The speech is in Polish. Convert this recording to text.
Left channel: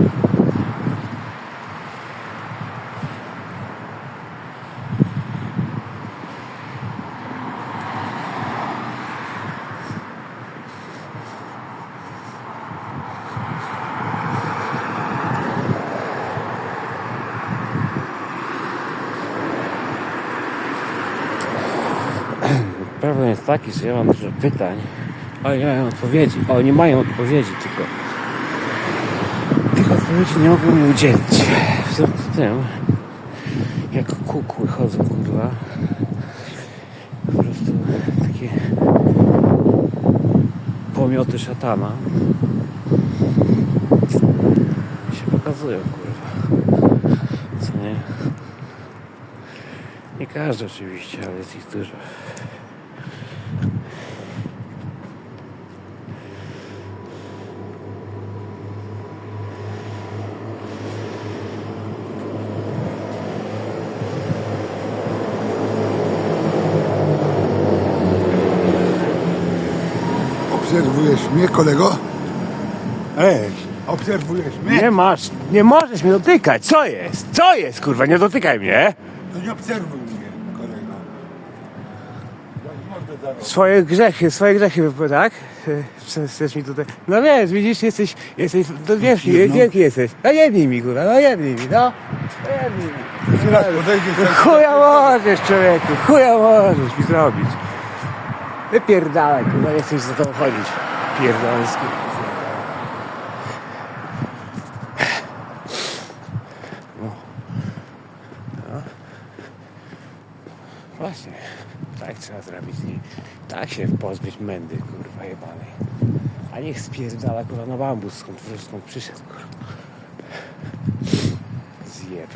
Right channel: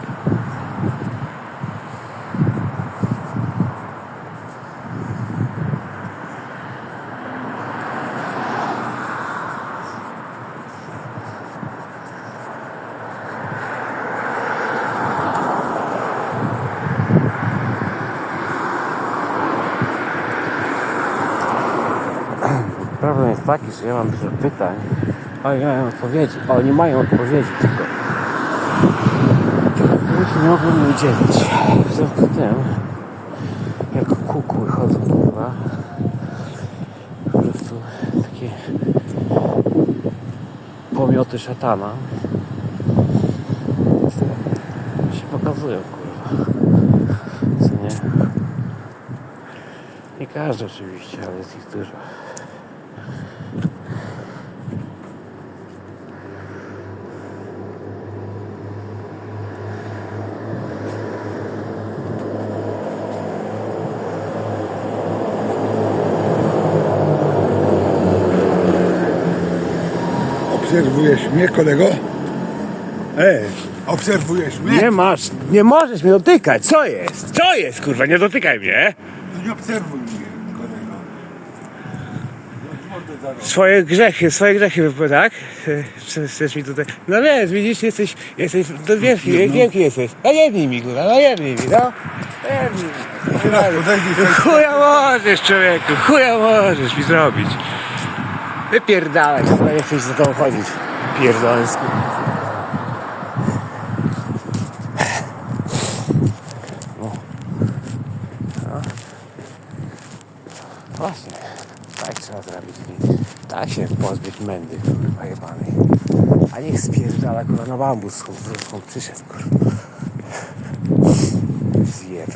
Problem jest taki, że ja mam dużo pytań. Oni mają odpowiedzi. Oni mają odpowiedzi tylko odpowiedzi nie mogą mi udzielić. W związku z tym, jak kukły chodzą, kurwa, po prostu takie pomioty szatana się pokazują, kurwa. Co nie? Nie każdy oczywiście, ale jest ich dużo. Obserwujesz mnie, kolego? Ej, Obserwujesz mnie? nie masz, nie możesz mnie dotykać, co jest? Co jest, kurwa, nie dotykaj mnie! No nie obserwuj mnie, kolego. Ja ci mordę zaraz. Swoje grzechy, swoje grzechy, tak? Chcesz- Chcesz mi tutaj... No wiesz, widzisz, jesteś, jesteś, to wiesz, wielki jesteś. No jebnij mi, kurwa, no jebnij mi, no. Jebnij mi. Podejdziesz. Chuja możesz, człowieku, chuja możesz mi zrobić. Wypierdalaj, kurwa, nie chcesz za to chodzić. Pierdolę. No. No. Właśnie, tak trzeba zrobić. Tak się pozbyć mędy, kurwa, jebanej. A niech spierdala, kurwa, na bambus, skąd, skąd przyszedł, kurwa. Zjeb.